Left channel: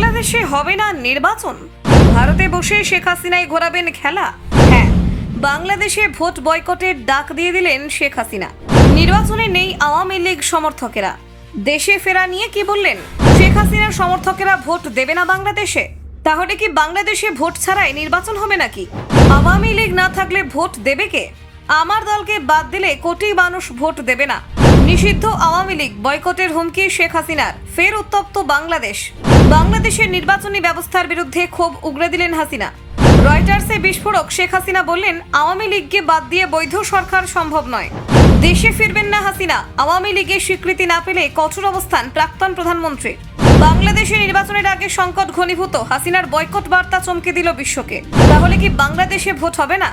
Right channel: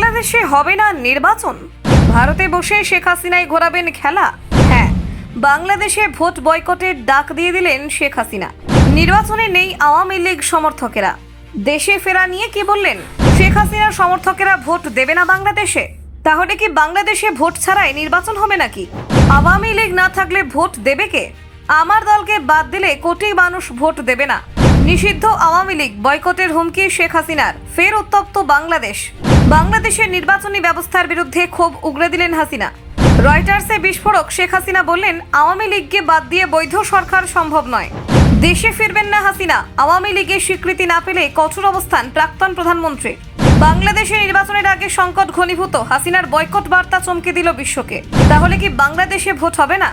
বাংলাদেশে হবে না নির্বাচন, ভারতে বসে শেখ হাসিনাই ঘোরাবেন খেলা। হ্যাঁ, বাংলাদেশে ভোট বয়কটের ডাক দিয়ে দিলেন শেখ হাসিনা। নির্বাচনে নেই আওয়ামী লীগ সমর্থকেরা। দেশে ফেরা নিয়ে কি বললেন? শেখ হাসিনার সমর্থকেরা ভোট দেবে না বাংলাদেশে। তাহলে কি বাংলাদেশে ভোট ছাড়াই নির্বাচন হবে নাকি? আওয়ামী লীগ না থাকলে ভোট দেবে কে? আমার দলকে বাদ দিলে কোটি মানুষ ভোট দেবে না। নিষিদ্ধ আওয়ামী লীগ, বয়কটের হুমকি শেখ হাসিনার। ফের উত্তপ্ত বাংলাদেশ। বাংলাদেশের নির্বাচনী ব্যবস্থার বিরুদ্ধে ক্ষোভ উগরে দিলেন হাসিনা। রয়টার্সে বিস্ফোরক। শেখ হাসিনা বললেন, আওয়ামী লীগকে বাদ দিয়ে বৈধ সরকার সম্ভব নয়। দেশে ফিরবেন না হাসিনা। আওয়ামী লীগের স্বীকৃতি না পেলে কঠোর অবস্থান প্রাক্তন প্রধানমন্ত্রীর। বাংলাদেশে নির্বাচনের আগে সংকট ঘনীভূত। হাসিনার বয়কট বার্তা চমকে দিল বিশ্বকে। তাহলে কি বাংলাদেশে ভোট হবে না?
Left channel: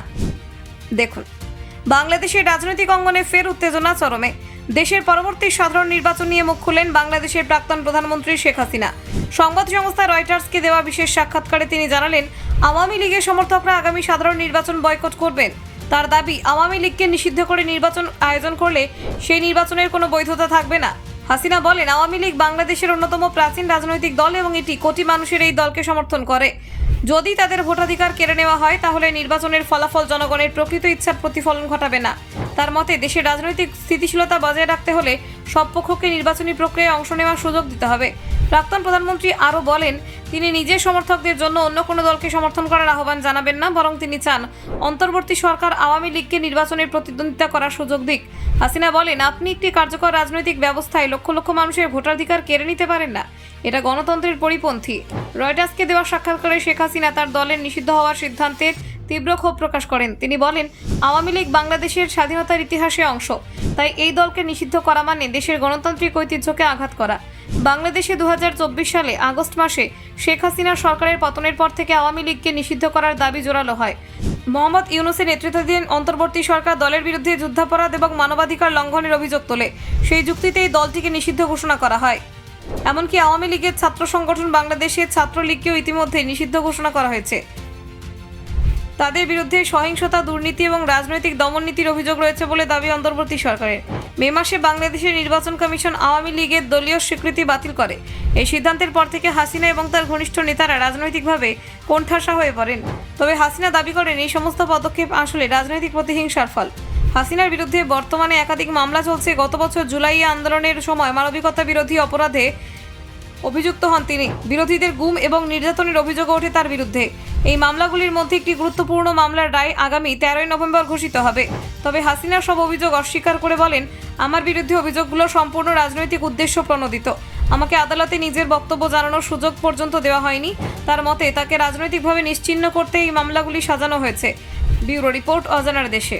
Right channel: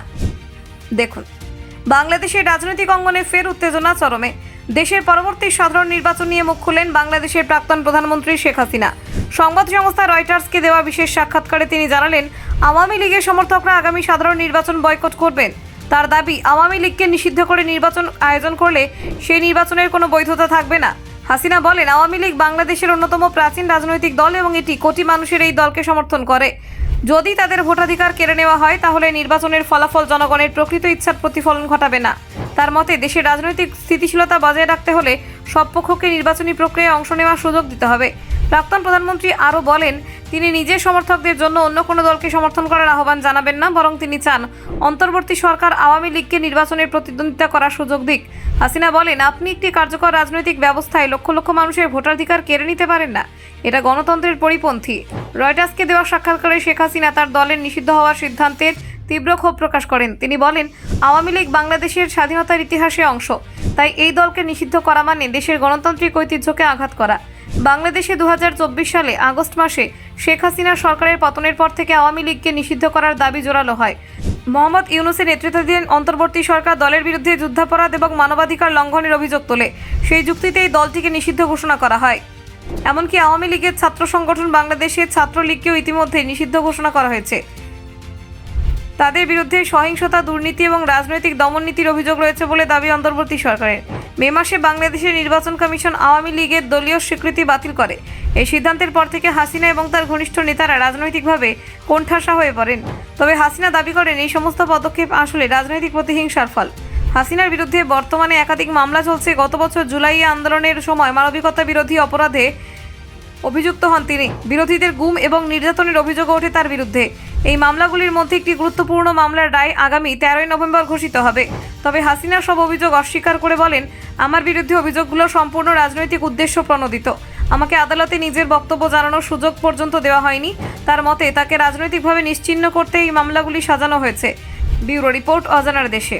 দেখুন, বাংলাদেশের রাজনৈতিক অঙ্গনে ফের উত্তেজনা চরমে। দেশের পরবর্তী সাধারণ নির্বাচন নিয়ে মুখ খুললেন বাংলাদেশের প্রাক্তন প্রধানমন্ত্রী শেখ হাসিনা। সংবাদ সংস্থা রয়টার্সকে দেওয়া বিশেষ সাক্ষাৎকারে তিনি জানালেন, আওয়ামী লীগের সমর্থকরা আগামী সাধারণ নির্বাচন বয়কট করবেন। তার দাবি, আওয়ামী লীগকে নিষিদ্ধ করে নির্বাচন আয়োজন করলে সেই নির্বাচনের কোনো বৈধতা থাকবে না। হাসিনা বলেন, আওয়ামী লীগ বাংলাদেশের অন্যতম প্রাচীন রাজনৈতিক দল এবং এটি কোটি মানুষের এই দলকে সমর্থন করে। যদি তাদের ভোটাধিকার কেড়ে নেওয়া হয় তাহলে নির্বাচনের ফলাফল জনগণের প্রকৃত ইচ্ছার প্রতিফলন ঘটাবে না। তার মতে, দেশের রাজনৈতিক স্থিতিশীলতা বজায় রাখতে হলে সব পক্ষকে নির্বাচনী প্রক্রিয়ায় অংশ নেওয়ার সুযোগ দিতে হবে। প্রাক্তন প্রধানমন্ত্রী আরও বলেন, তিনি নিজের সমর্থকদের জন্য অন্য কোনো দলকে সমর্থন করার আহ্বান জানাবেন না, বরং তিনি চান অন্তর্বর্তী সরকার আওয়ামী লীগকে নির্বাচনের প্রতিদ্বন্দ্বিতা করার সুযোগ দিক। হাসিনা বলেন, আপনি একটি কার্যকর রাজনৈতিক ব্যবস্থায় লক্ষ লক্ষ মানুষের ভোটাধিকার কেড়ে নিতে পারেন না। এটা গণতন্ত্রের পরিপন্থী। রয়টার্সকে দেওয়া সাক্ষাৎকারে শেখ হাসিনা তার দলের নিষিদ্ধ হওয়ার সিদ্ধান্তের তীব্র ক্ষোভ প্রকাশ করেন। তিনি বলেন, আওয়ামী লীগ বাংলাদেশের স্বাধীনতার ইতিহাসে অংশ, তাই এই দলকে নিষিদ্ধ করা মানে দেশের গণতান্ত্রিক ঐতিহ্যকে আঘাত করা। বাংলাদেশে 2024 সালে আগস্ট মাসে শেখ হাসিনার সরকারের পতনের পর থেকে আওয়ামী লীগকে নিষিদ্ধ করার দাবি জোরালো হয়। মোহাম্মদ ইউনূসের নেতৃত্বাধীন অন্তর্বর্তী সরকার দলের বিরুদ্ধে যুদ্ধাপরাধ এবং মানবাধিকার লঙ্ঘনের অভিযোগ তোলে। সেই যুক্তিতে এই দলটিকে নিষিদ্ধ ঘোষণা করা হয়। এমনকি আওয়ামী লীগের ছাত্র সংগঠন বাংলাদেশের ছাত্রলীগকেও ইতিমধ্যে নিষিদ্ধ ঘোষণা করা হয়েছে। তাদের বিরুদ্ধে সহিংসতা, দুর্নীতি এবং রাজনৈতিক দমননীতির অভিযোগ রয়েছে বলে দাবি অন্তর্বর্তী সরকারের। মে মাসে বাংলাদেশের নির্বাচন কমিশন আওয়ামী লীগের দলীয় স্বীকৃতি বাতিল করে। এই সিদ্ধান্তের পর থেকে হাসিনা এবং তার ঘনিষ্ঠ নেতারা রাজনৈতিকভাবে কোণঠাসা হয়ে পড়েন। তবে হাসিনা দাবি করেন, এই সমস্ত পদক্ষেপ আসলে রাজনৈতিক প্রতিহিংসার ফল। হাসিনার বিরুদ্ধে বর্তমানে একাধিক মামলা চলছে। গত বছর জুলাই আন্দোলনের সময় মানবিকতা বিরোধী অপরাধে অভিযুক্ত হন তিনি। বিরোধীদের গুম এবং নির্যাতনের অভিযোগ ওঠে তার বিরুদ্ধে। এই মামলাগুলির মধ্যে একটি গুরুত্বপূর্ণ মামলার রায় আগামী 13 নভেম্বর ঘোষিত হবে। তবে হাসিনা সব অভিযোগ অস্বীকার করে বলেন, আমার বিরুদ্ধে অভিযোগগুলো সম্পূর্ণ রাজনৈতিক উদ্দেশ্য প্রণোদিত। আমাকে আদালতে নিজের বক্তব্য জানানোর সুযোগ পর্যন্ত দেওয়া হয়নি। তার মতে, তাকে রাজনৈতিকভাবে নিশ্চিহ্ন করতে এই মামলাগুলি সাজানো হয়েছে। ব্যুরো রিপোর্ট, অজানার দেশে।